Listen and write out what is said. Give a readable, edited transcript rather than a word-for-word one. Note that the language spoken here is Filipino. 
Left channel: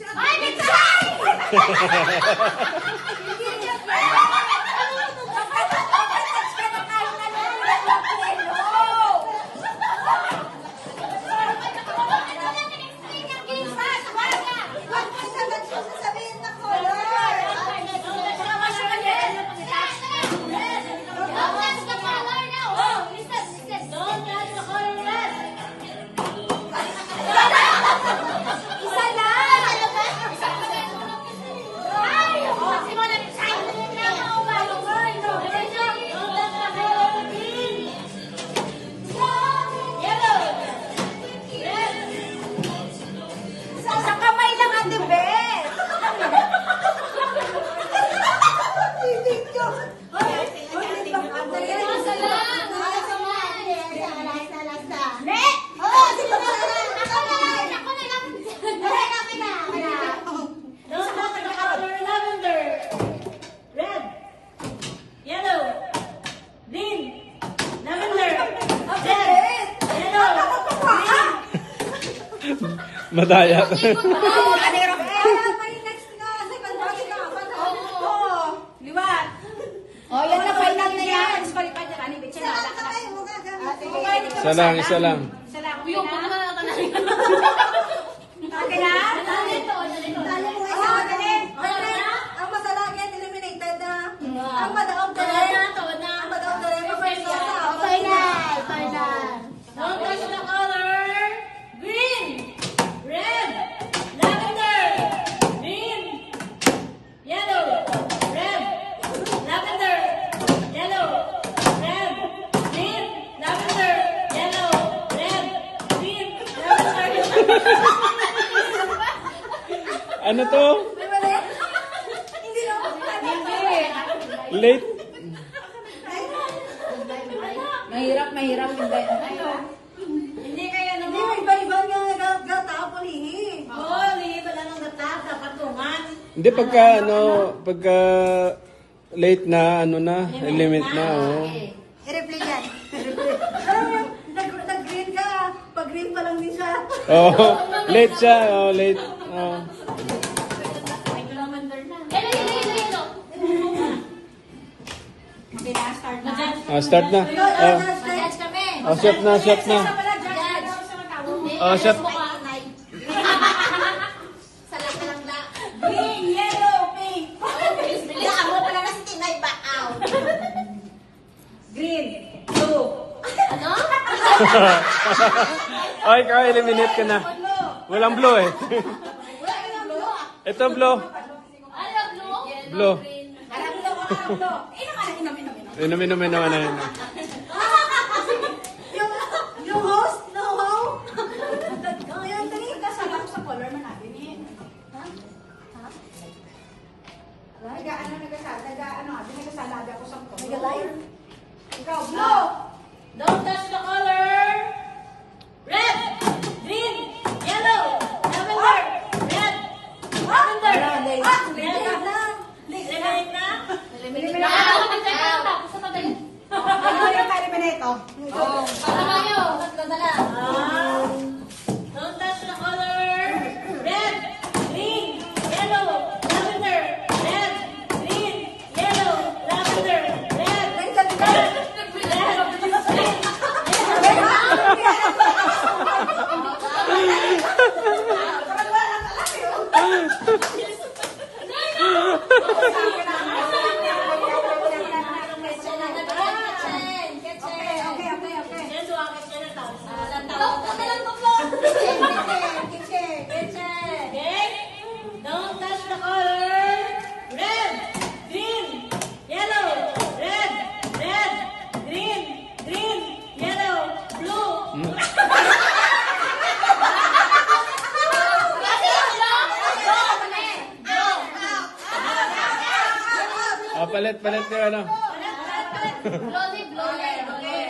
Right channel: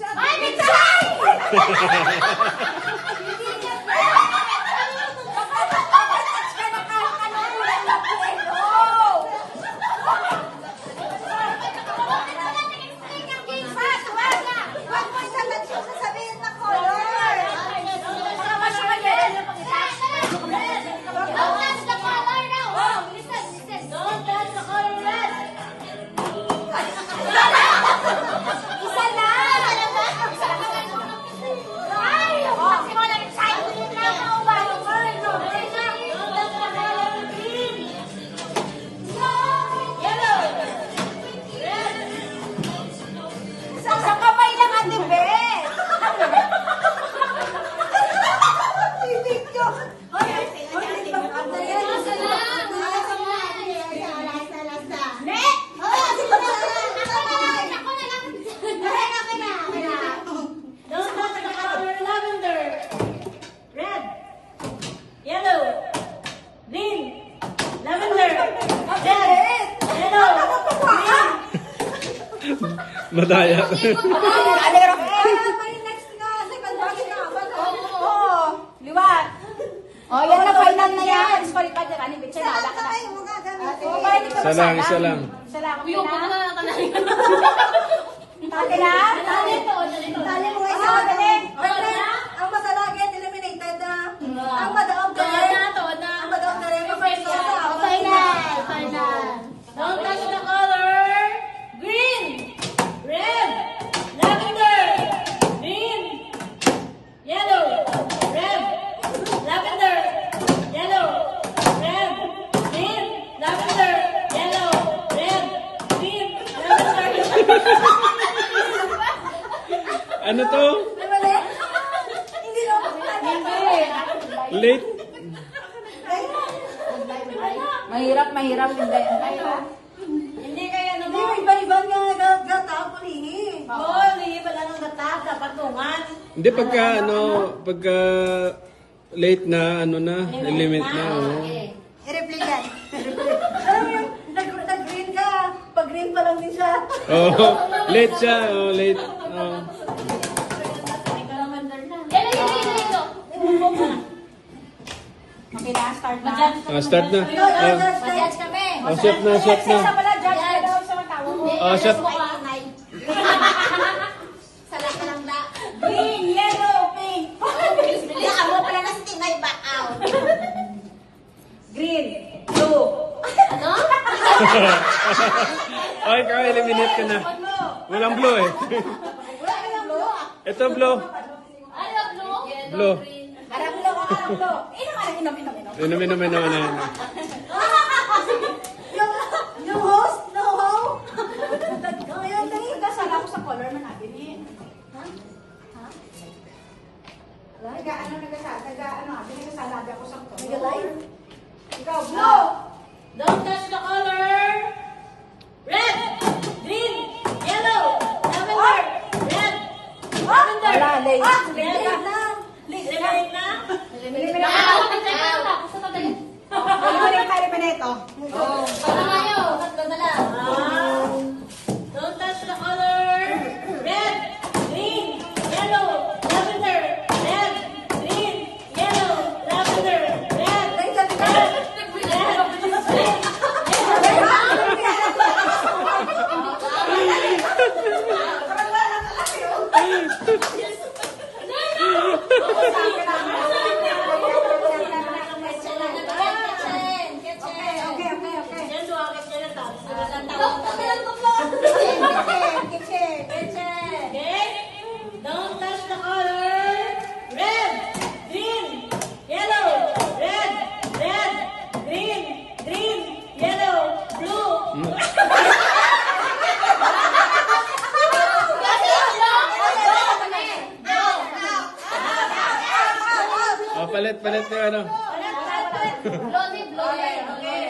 Ay, Mitsay! Madaya. Liwat. Oh, yan na final na yan. Palipad na rani bitsa na. Isa lang, isa lang. Isa lang. Yung pa na Okay na? Dali mo isa. Ang masalagit eliminated na. Ang madaog na. Ang madaog na rin. Final. Don't touch the color. Green. Red. Lavender. Green. Yellow. Red. Lavender. Yellow. Red. Green. Lavender. Yellow. Red. Green. Lavender. Ano to? Hindi na. Late? Mahirap. Hindi kaya naman. Hindi, iba-ibang nga gata ako lihi. Oo, lihi pala ng gata sa patungan. Hindi, pagka late na, element na, oh. I-replay yan. Alam mo yung, nag-green ka. Pag-green pa lang din siya. Oh, late siya, oh, late. Oh. Okay na, start na. Start na. Mag-judge kami. Oh, shot na. Siya pala, judge na daw sa mga tao. Oh, shot. Salak ka lang da. Green, yellow, pink. Bilaan mo pala na si Tinay back out. Green, blue. Ano? Oh, ikaw, eliminate ka na. Walang blue eh. Wala ka lang blue. Ito, blue. Ano, blue? Blue. Harap blue, harap blue. Inom. Inom. Yung host, no ho. Yung ganito ka sa ako sa color man natin eh. Ha? Nagasalada ako sa color. Nagalive? Ikaw, blue. Don't touch the color. Red, green, yellow, lavender, red, lavender. Red na. Eliminate na. Don't touch the color. Red, green, yellow, lavender, red, green, yellow, lavender, red. Don't touch the color. Red, green, yellow, red, green, yellow, blue. Oh, palit yung ano. Blue.